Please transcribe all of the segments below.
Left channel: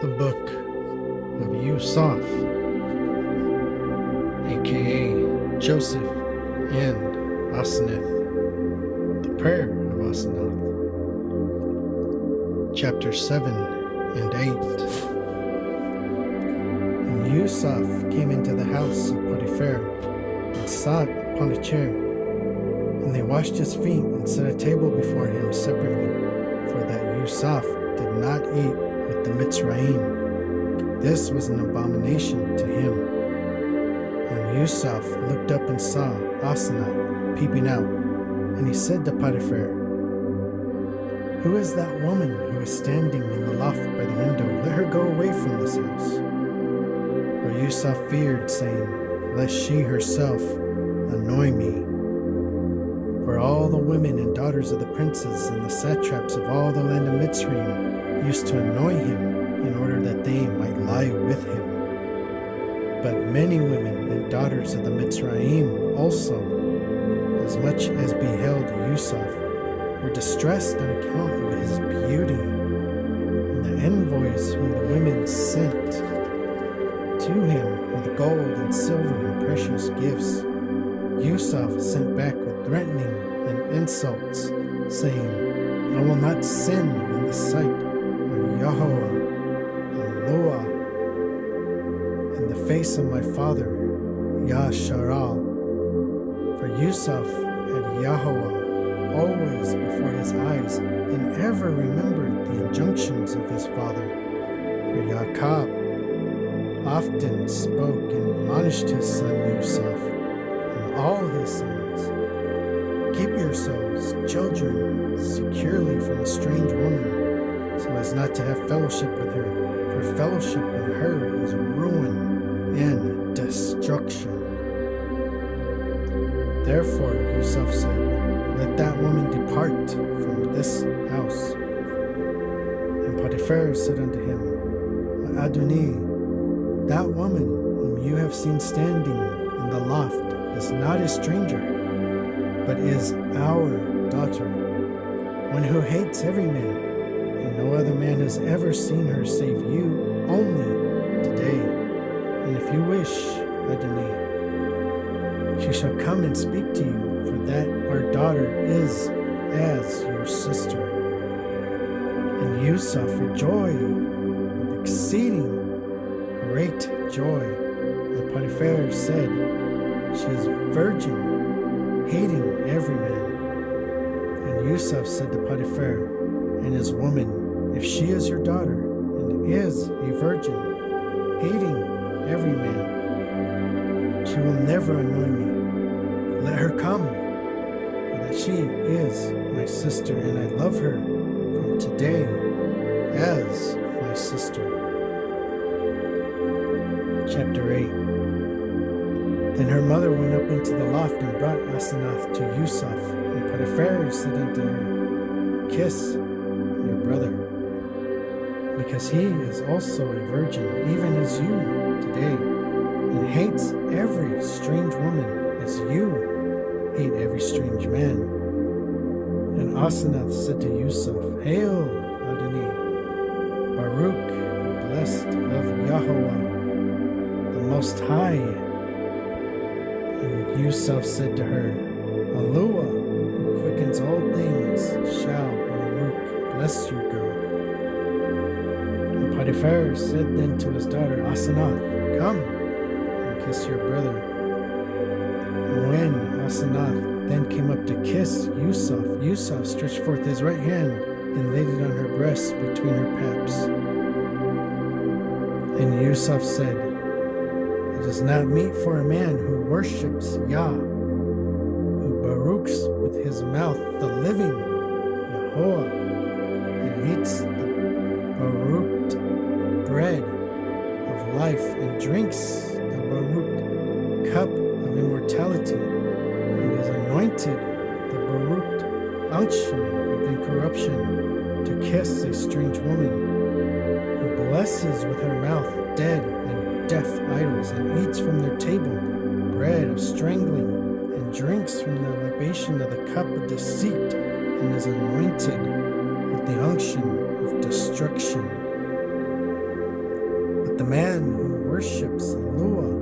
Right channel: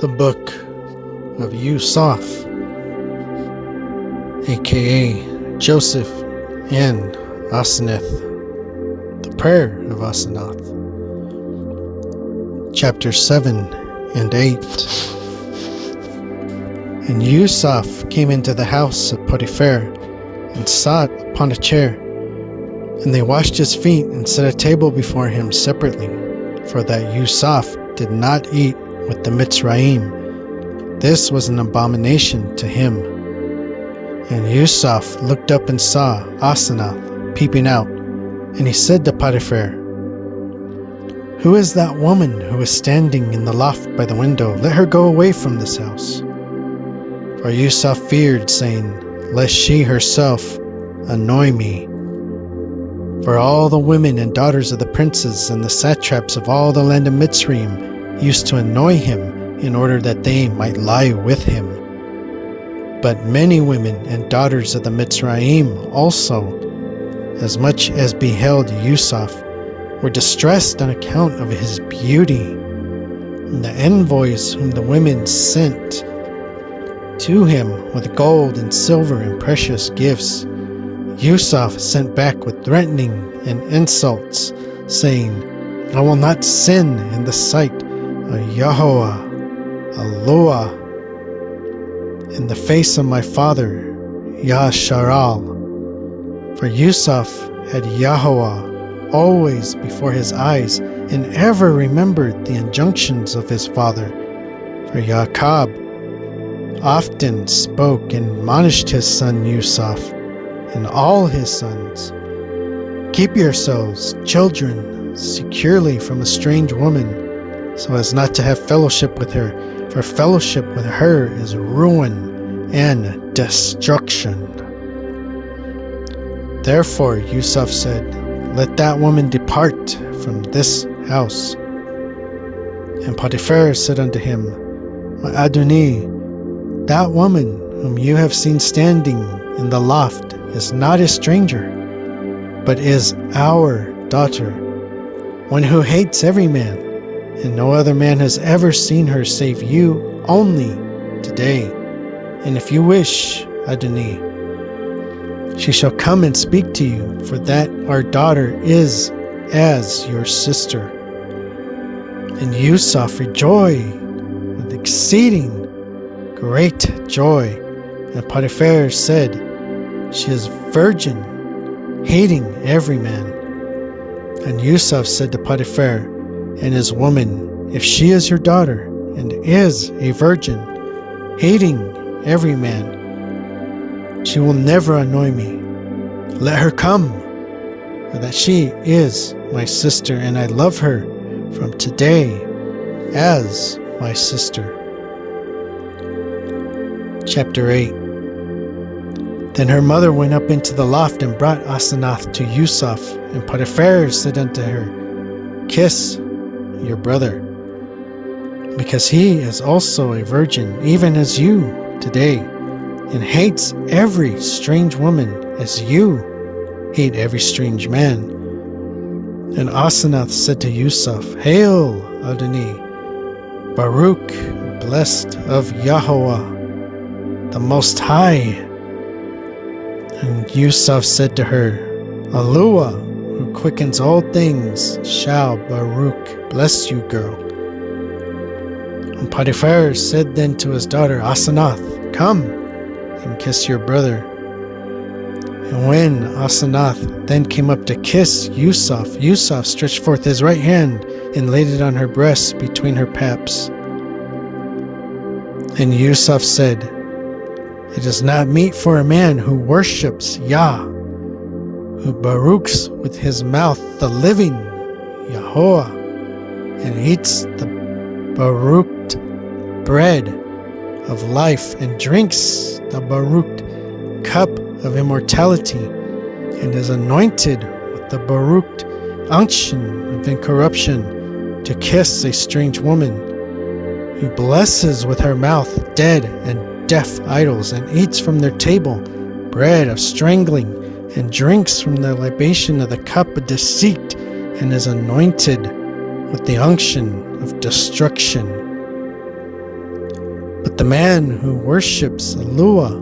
The Book of Yusuf, aka Joseph and Asanath. The Prayer of Asanath. Chapter 7 and 8. And Yusuf came into the house of Potiphar and sat upon a chair. And they washed his feet and set a table before him separately, for that Yusuf did not eat with the Mitzrayim. This was an abomination to him. And Yusuf looked up and saw Asanath peeping out, and he said to Potiphar, "Who is that woman who is standing in the loft by the window? Let her go away from this house." For Yusuf feared, saying, "Lest she herself annoy me." For all the women and daughters of the princes and the satraps of all the land of Mitzrayim used to annoy him in order that they might lie with him. But many women and daughters of the Mitzrayim also, as much as beheld Yusuf, were distressed on account of his beauty. And the envoys whom the women sent to him with gold and silver and precious gifts, Yusuf sent back with threatening and insults, saying, "I will not sin in the sight of Yahweh, Allah, in the face of my father, Yasharal." For Yusuf had Yahweh always before his eyes, and ever remembered the injunctions of his father. For Jacob often spoke and admonished his son Yusuf and all his sons, "Keep yourselves, children, securely from a strange woman, so as not to have fellowship with her, for fellowship with her is ruin and destruction." Therefore Yusuf said, "Let that woman depart from this house." And Potiphar said unto him, "My Adonai, that woman whom you have seen standing in the loft is not a stranger, but is our daughter, one who hates every man, and no other man has ever seen her save you only today. And if you wish, Adonai, she shall come and speak to you, for that our daughter is as your sister." And Yusuf rejoiced with exceeding great joy. And Potiphar said, "She is virgin, hating every man." And Yusuf said to Potiphar and his woman, "If she is your daughter, and is a virgin, hating every man, she will never annoy me. Let her come, for that she is my sister, and I love her from today as my sister." Chapter 8. Then her mother went up into the loft and brought Asanath to Yusuf, and Potiphar said unto her, "Kiss your brother, because he is also a virgin, even as you today, and hates every strange woman as you hate every strange man." And Asanath said to Yusuf, "Hail, Adonai, Baruch, blessed of Yahweh, the Most High." And Yusuf said to her, "Allah, who quickens all things, shall Baruch bless you, girl." And Potiphar said then to his daughter Asanath, "Come and kiss your brother." And when Asanath then came up to kiss Yusuf, Yusuf stretched forth his right hand and laid it on her breast between her paps. And Yusuf said, "It is not meet for a man who worships Yah, who baruchs with his mouth the living Yahweh, and eats the baruched bread of life, and drinks the baruched cup of immortality, and is anointed with the baruched unction of incorruption, to kiss a strange woman, who blesses with her mouth dead and deaf idols, and eats from their table bread of strangling, and drinks from the libation of the cup of deceit, and is anointed with the unction of destruction." the man who worships Lua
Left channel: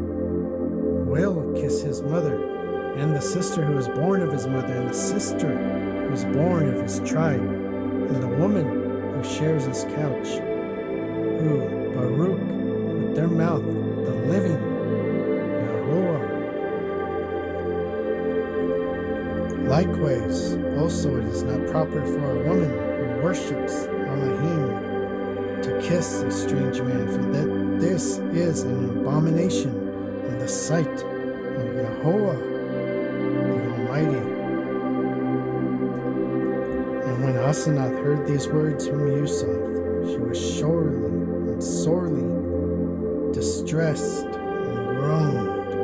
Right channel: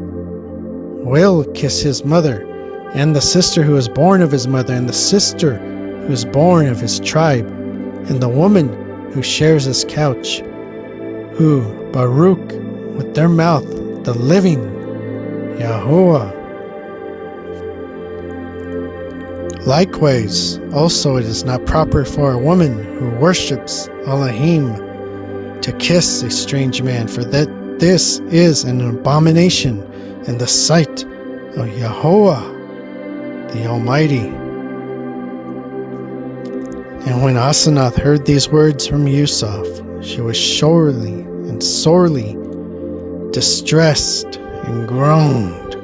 will kiss his mother, and the sister who is born of his mother, and the sister who is born of his tribe, and the woman who shares his couch, who Baruch with their mouth the living Yahuwah. Likewise, also it is not proper for a woman who worships Elohim to kiss a strange man, for that this is an abomination in the sight of Yahuwah, the Almighty. And when Asanath heard these words from Yusuf, she was sorely distressed and groaned.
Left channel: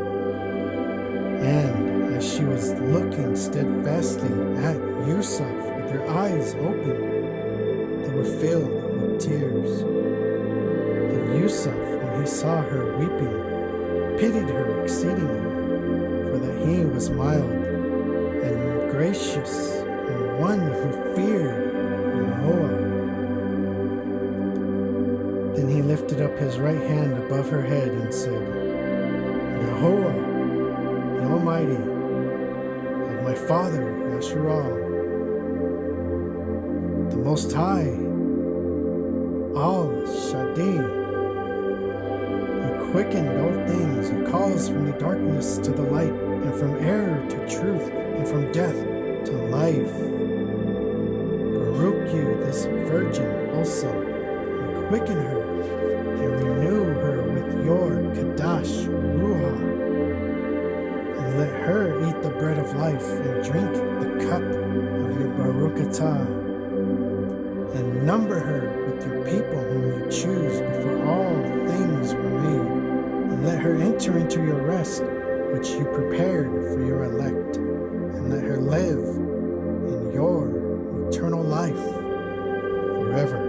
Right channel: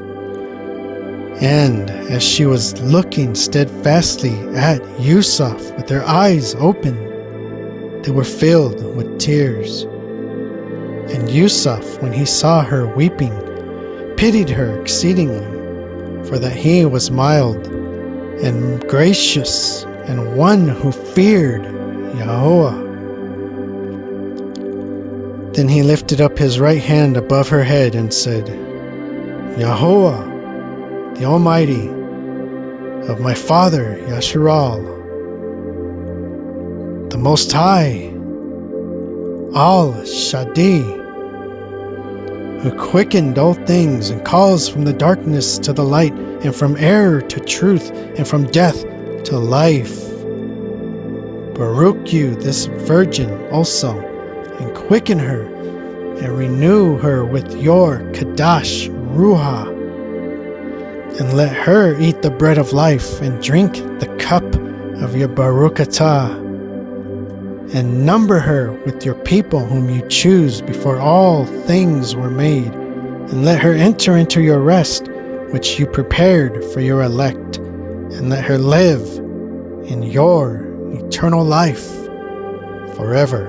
And as she was looking steadfastly at Yusuf with her eyes open, they were filled with tears. And Yusuf, when he saw her weeping, pitied her exceedingly, for that he was mild and gracious and one who feared Yahuwah. Then he lifted up his right hand above her head and said, Yahuwah, the Almighty, of my father Yasharal, the Most High, Al-Shadi, who quickened all things and calls from the darkness to the light, and from error to truth, and from death to life. Baruch you this virgin also, and quicken her, and renew her with your Kadash Ruha, and let her eat the bread of life, and drink the cup of your Baruch Atah, and number her with your people whom you choose before all things were made, and let her enter into your rest, which you prepared for your elect, and let her live in your eternal life forever.